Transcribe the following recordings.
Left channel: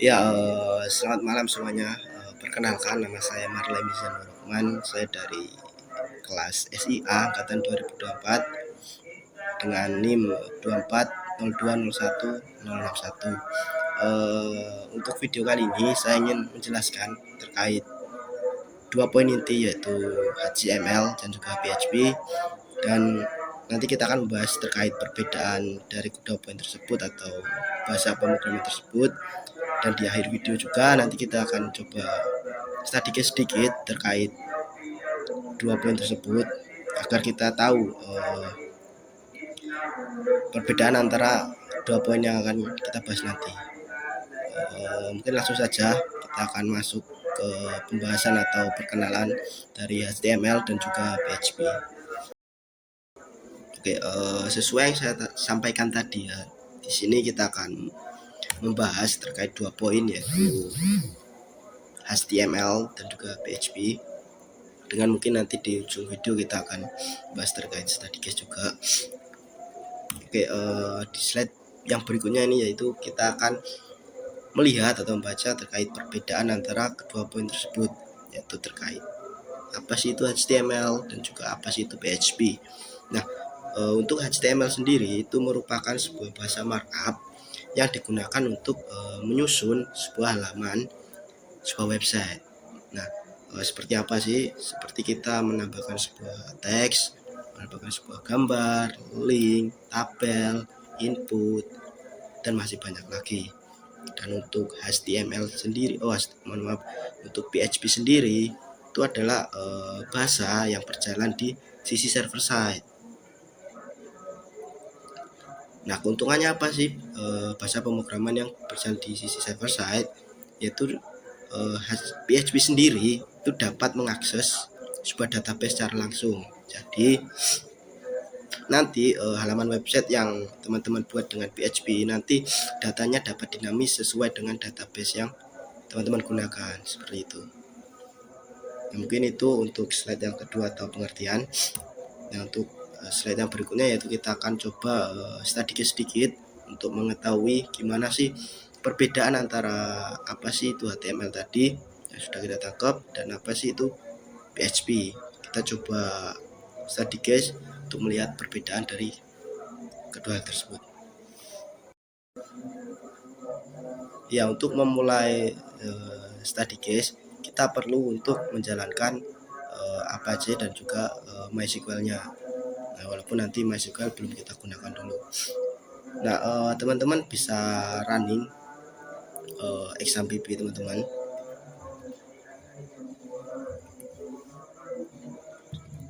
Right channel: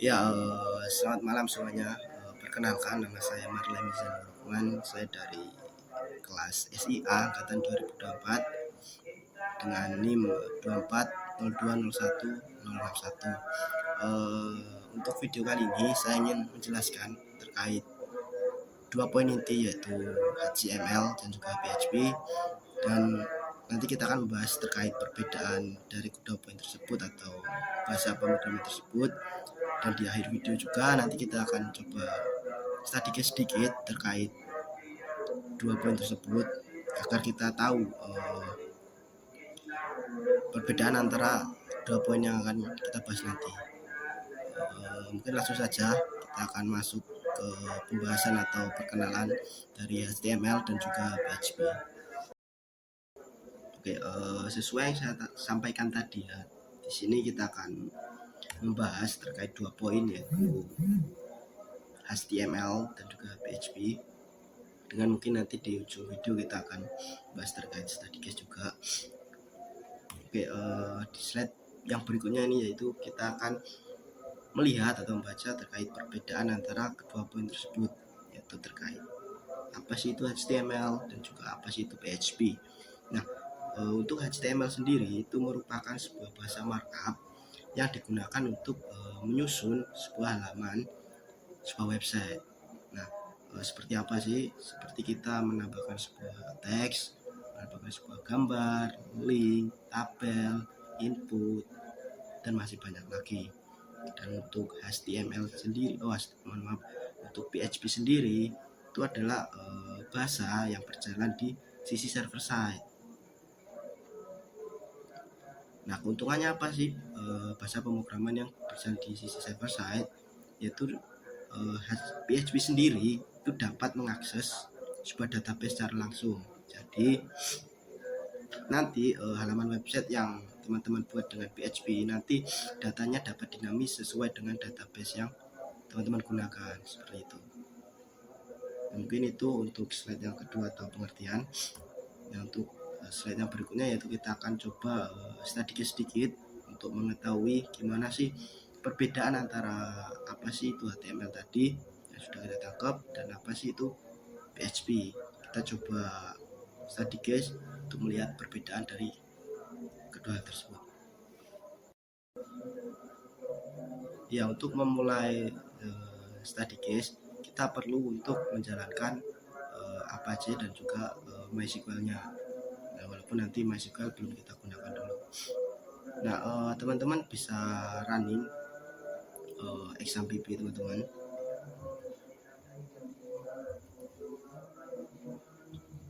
Ya, selamat malam semuanya. Perkenalkan nama saya Marley Mizanur Rahman. Saya dari kelas SIA angkatan 2024 dengan NIM 240201061. Untuk video kali ini saya ingin menjelaskan terkait dua poin inti, yaitu HTML dan juga PHP, dan nanti kita akan membahas terkait perbedaan dari kedua poin tersebut atau bahasa pemrograman tersebut. Dan di akhir video juga nanti kita akan coba sedikit terkait dua poin tersebut agar kita tahu perbedaan antara dua poin yang akan kita bahas nanti. Mungkin langsung saja kita akan masuk ke pembahasan atau perkenalan dari HTML dan juga PHP. Oke, sesuai yang saya sampaikan tadi ya, di sini kita akan membahas terkait dua poin, yaitu HTML dan juga PHP. Dengan mungkin nanti di ujung video kita akan bahas terkait study case juga. Oke, di slide yang berikutnya ini yaitu kita akan melihat atau membaca terkait perbedaan antara kedua poin tersebut, yaitu terkait apa sih itu HTML dan juga apa sih itu PHP. Nah, untuk HTML sendiri itu merupakan sebuah bahasa markup yang digunakan untuk menyusun sebuah halaman, sebuah website. Nah, seperti apa sih? Seperti kita menambahkan sebuah teks, menambahkan sebuah gambar, link, tabel, input, dan masih banyak lagi. Dan untuk HTML sendiri, untuk PHP sendiri itu adalah bahasa yang berjalan di sisi server side. Nah, keuntungannya apa sih bahasa pemrograman yang berjalan di sisi server side? Yaitu PHP sendiri itu dapat mengakses sebuah database secara langsung. Jadi nanti halaman website yang teman-teman buat dengan PHP nanti datanya dapat dinamis sesuai dengan database yang teman-teman gunakan, seperti itu. Nah, mungkin itu untuk slide yang kedua atau pengertian. Nah, untuk slide yang berikutnya yaitu kita akan coba sedikit untuk mengetahui gimana sih perbedaan antara apa sih itu HTML tadi yang sudah kita tangkap dan apa sih itu PHP. Kita coba sedikit untuk melihat perbedaan dari kedua hal tersebut. Ya, untuk memulai study case kita perlu untuk menjalankan Apache dan juga MySQL-nya. Nah, walaupun nanti MySQL belum kita gunakan dulu. Nah, teman-teman bisa running example teman-teman.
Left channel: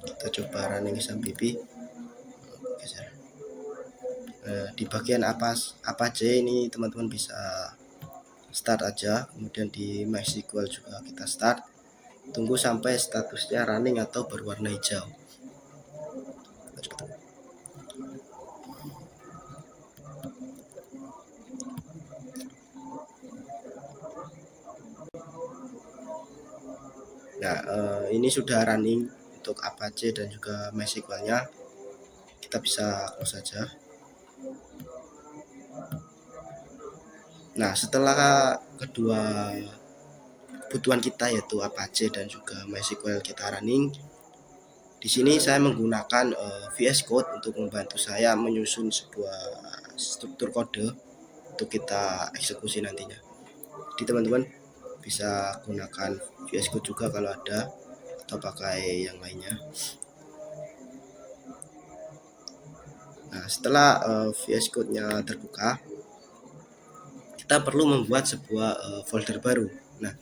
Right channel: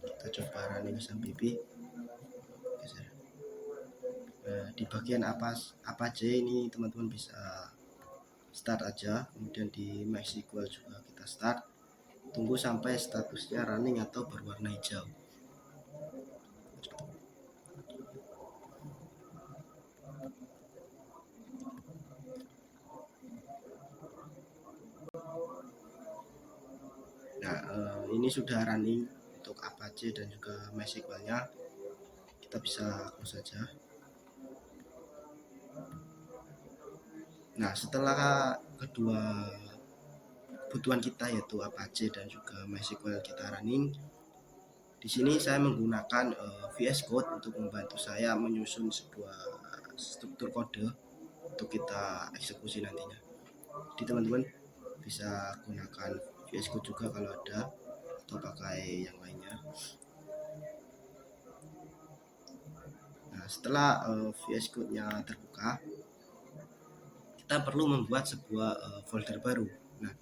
Kita coba running example. Di bagian Apache ini teman-teman bisa start aja, kemudian di MySQL juga kita start, tunggu sampai statusnya running atau berwarna hijau. Nah, ini sudah running untuk Apache dan juga MySQL-nya. Kita bisa close saja. Nah, setelah kedua kebutuhan kita yaitu Apache dan juga MySQL kita running, di sini saya menggunakan VS Code untuk membantu saya menyusun sebuah struktur kode untuk kita eksekusi nantinya. Jadi teman-teman bisa gunakan VS Code juga kalau ada, atau pakai yang lainnya. Nah, setelah VS Code-nya terbuka, kita perlu membuat sebuah folder baru. Nah,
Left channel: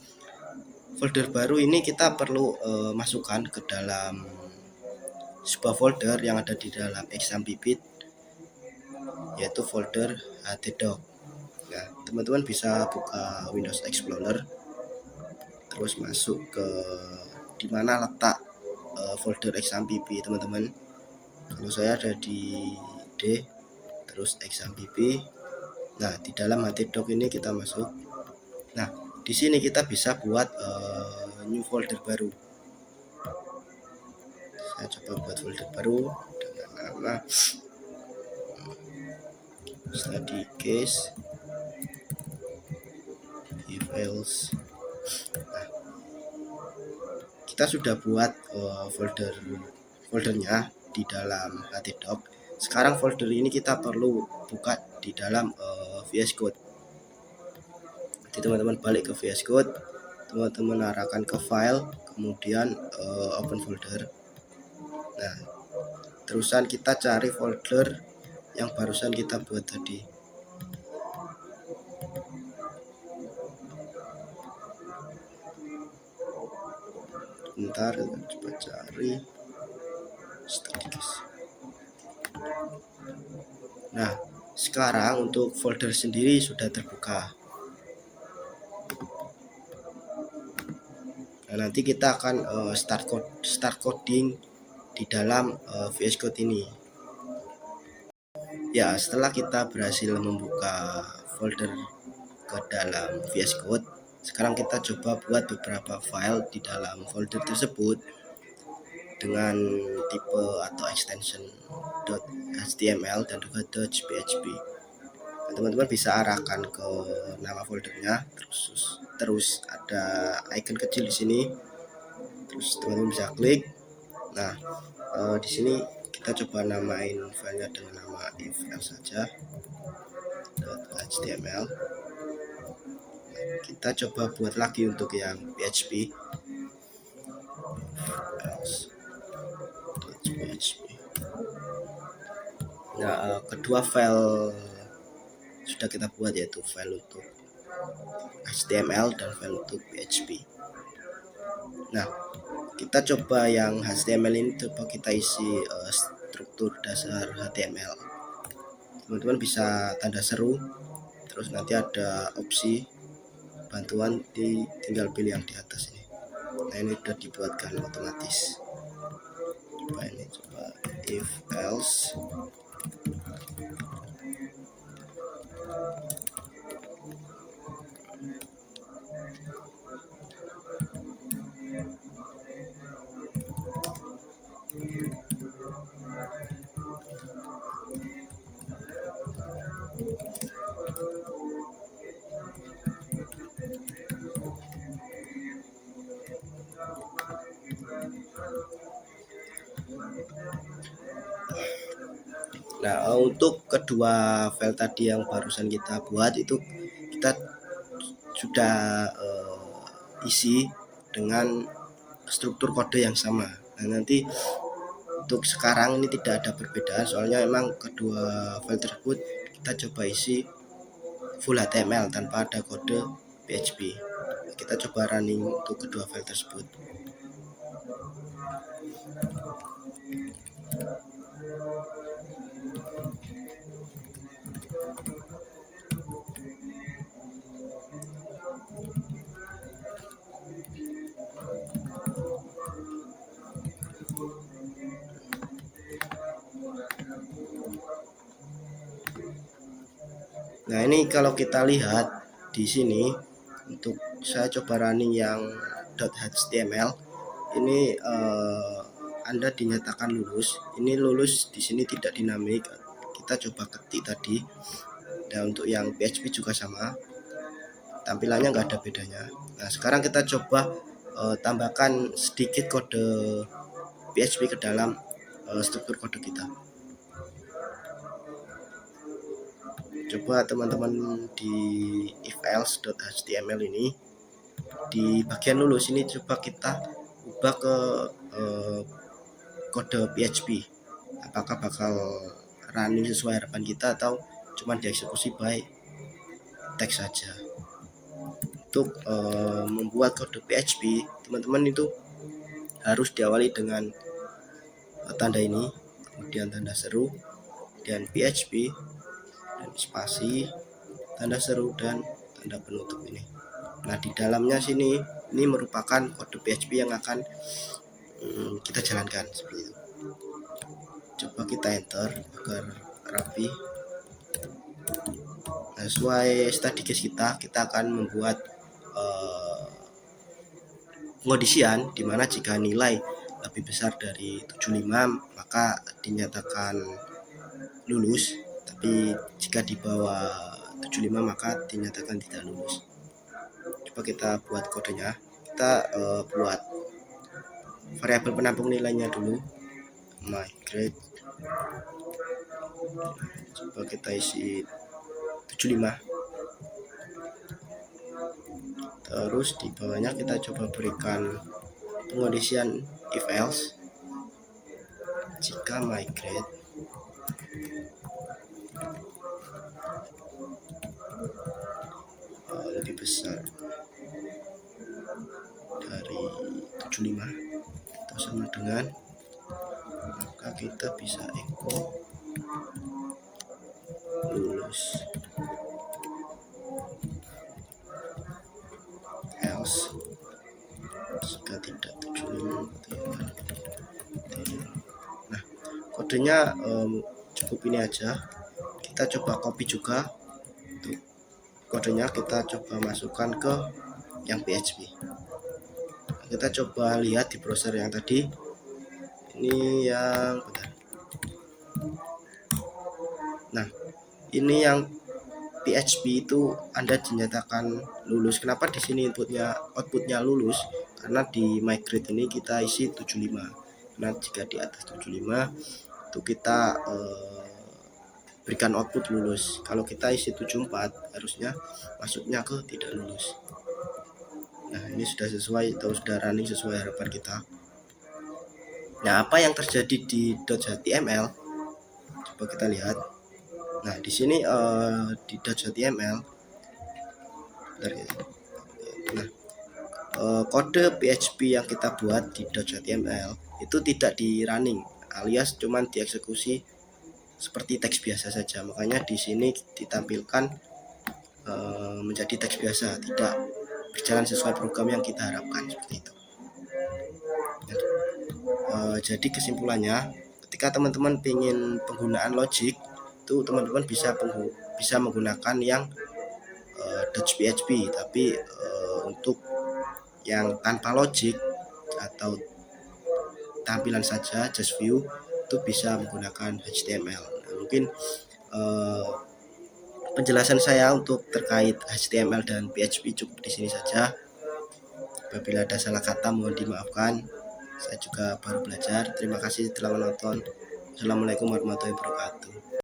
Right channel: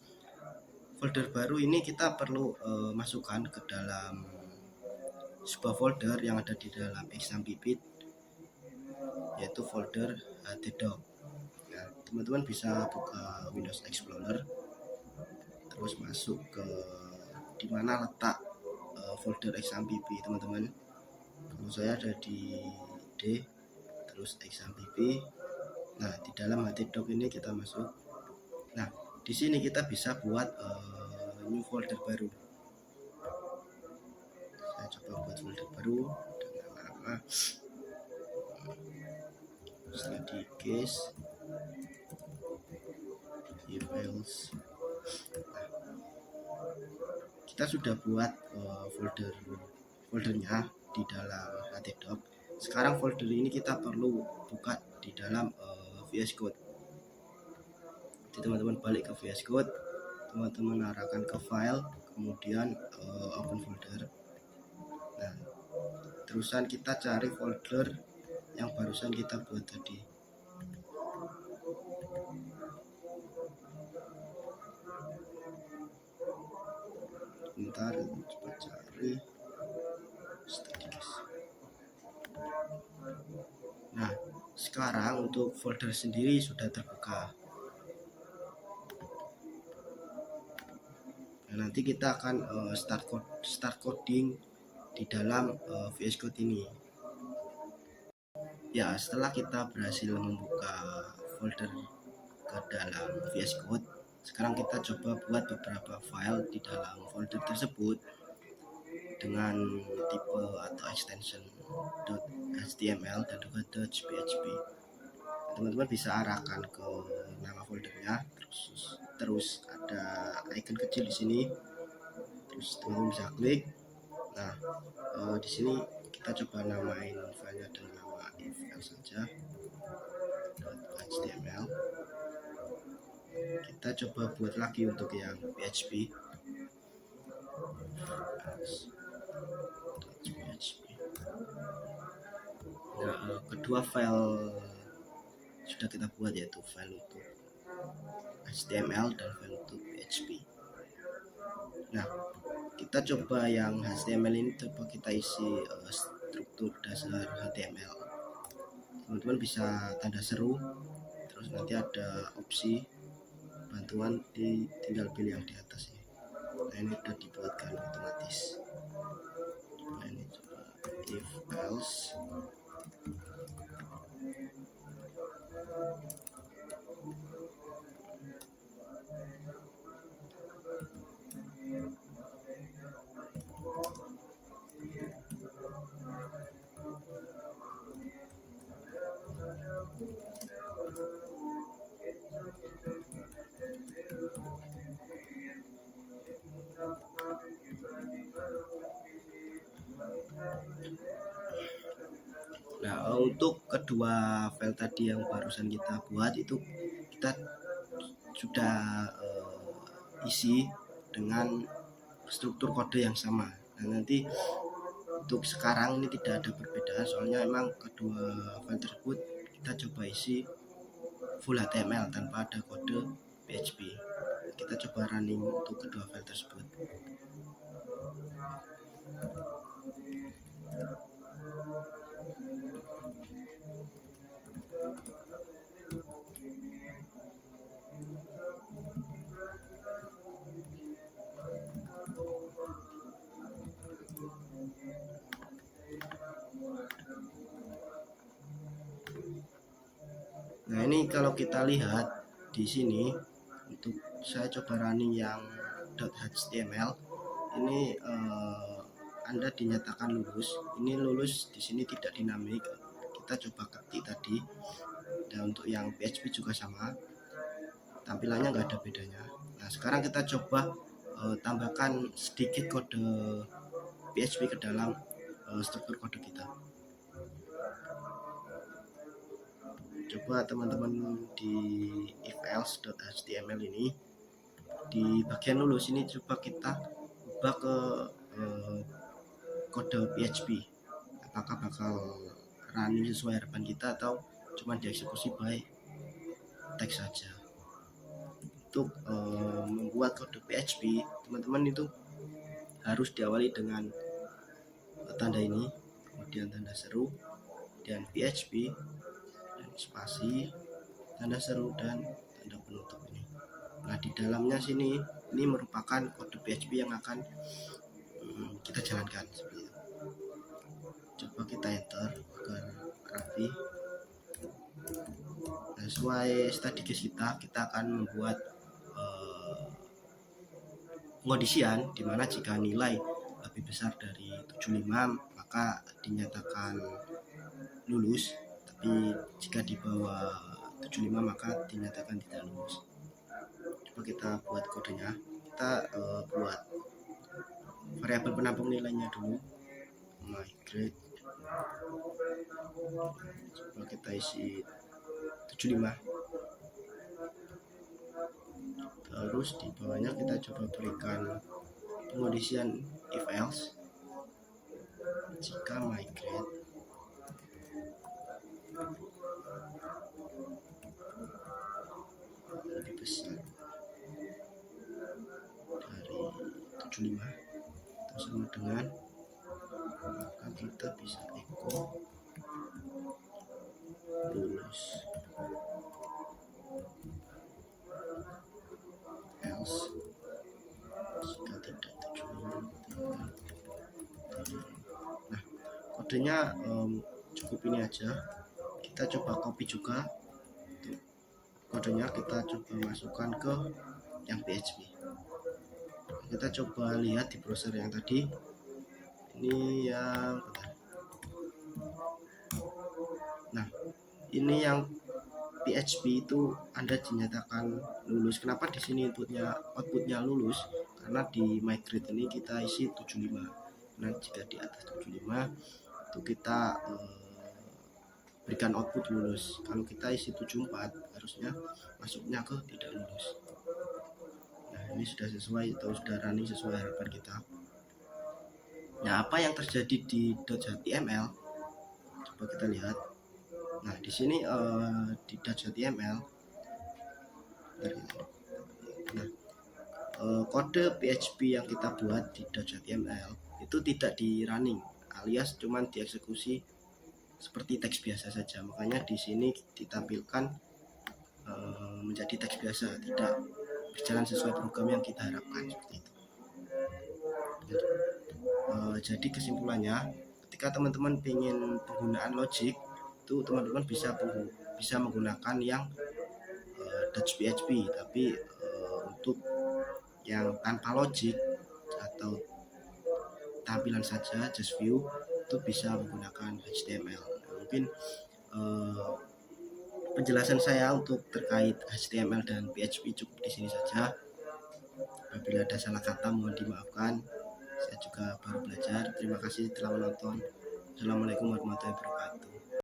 folder baru ini kita perlu masukkan ke dalam sebuah folder yang ada di dalam exam.pipit, yaitu folder htdoc. Nah, teman-teman bisa buka Windows Explorer, terus masuk ke dimana letak folder exam.pip teman-teman. Kalau saya ada di D, terus exam.pip. Nah, di dalam htdoc ini kita masuk. Nah, di sini kita bisa buat new folder baru. Saya coba buat folder baru dengan nama study case. files. Nah, kita sudah buat foldernya di dalam htdoc. Sekarang folder ini kita perlu buka di dalam VS Code. Jadi teman-teman balik ke VS Code, teman-teman arahkan ke file, kemudian open folder. Nah, terusan kita cari folder yang barusan kita buat tadi. Bentar, coba cari staticast. Nah, sekarang untuk folder sendiri sudah terbuka. Nah, nanti kita akan start coding di dalam VS Code ini. Ya, setelah kita berhasil membuka folder ke dalam VS Code, sekarang kita coba buat beberapa file di dalam folder tersebut dengan tipe atau extension .html dan juga .php. Teman-teman bisa arahkan ke nama foldernya, terus ada icon kecil di sini, terus teman-teman bisa klik. Nah, di sini kita coba namain filenya dengan nama if-else saja .html. Kita coba buat lagi untuk yang PHP. Nah, kedua file sudah kita buat, yaitu file untuk HTML dan file untuk PHP. Nah, kita coba yang HTML ini, coba kita isi struktur dasar HTML. Teman-teman bisa tanda seru, terus nanti ada opsi bantuan, tinggal pilih yang di atas ini. Nah, ini sudah dibuatkan otomatis. Coba ini, coba if else. Nah, untuk kedua file tadi yang barusan kita buat itu kita sudah isi dengan struktur kode yang sama. Nah, nanti untuk sekarang ini tidak ada perbedaan, soalnya emang kedua file tersebut kita coba isi full HTML tanpa ada kode PHP. Kita coba running untuk kedua file tersebut. Nah, ini kalau kita lihat di sini, untuk saya coba running yang .html ini Anda dinyatakan lulus. Ini lulus di sini tidak dinamik. Kita coba ketik tadi. Dan untuk yang PHP juga sama, tampilannya nggak ada bedanya. Nah, sekarang kita coba tambahkan sedikit kode PHP ke dalam struktur kode kita. Coba teman-teman di if-else.html ini, di bagian lulus ini coba kita ubah ke kode PHP. Apakah bakal running sesuai harapan kita atau cuma dieksekusi by teks saja. Untuk membuat kode PHP, teman-teman itu harus diawali dengan tanda ini, kemudian tanda seru, dan PHP, dan spasi, tanda seru, dan tanda penutup ini. Nah, di dalamnya sini ini merupakan kode PHP yang akan kita jalankan seperti itu. Coba kita enter agar rapi. Nah, sesuai staticast kita akan membuat pengondisian dimana jika nilai lebih besar dari 75 maka dinyatakan lulus, tapi jika di bawah 75 maka dinyatakan tidak lulus. Coba coba kita buat kodenya. Kita buat variabel penampung nilainya dulu, migrate. Coba kita isi 75. Terus di bawahnya kita coba berikan pengondisian if else. Jika migrate lebih besar dari 75 atau sama dengan, maka kita bisa echo lulus. Else jika tidak 75. Nah, kodenya cukup ini aja. Kita coba copy juga. Tuh, kodenya kita coba masukkan ke yang PHP. Kita coba lihat di browser yang tadi. Ini yang nah, ini yang PHP itu Anda dinyatakan lulus. Kenapa di sini outputnya lulus? Karena di migrate ini kita isi 75. Nah, jika di atas 75 itu kita berikan output lulus. Kalau kita isi 74 harusnya masuknya ke tidak lulus. Nah, ini sudah sesuai atau sudah running sesuai harapan kita. Nah, apa yang terjadi di .html? Coba kita lihat. Nah, di sini di .html, kode PHP yang kita buat di .html itu tidak di running, alias cuman dieksekusi seperti teks biasa saja. Makanya di sini ditampilkan menjadi teks biasa, tidak berjalan sesuai program yang kita harapkan seperti itu. Jadi kesimpulannya, ketika teman-teman ingin penggunaan logic itu teman-teman bisa menggunakan yang .php, tapi untuk yang tanpa logic atau tampilan saja just view itu bisa menggunakan HTML. Nah, mungkin penjelasan saya untuk terkait HTML dan PHP cukup di sini saja. Apabila ada salah kata mohon dimaafkan. Saya juga baru belajar. Terima kasih telah menonton. Assalamualaikum warahmatullahi wabarakatuh.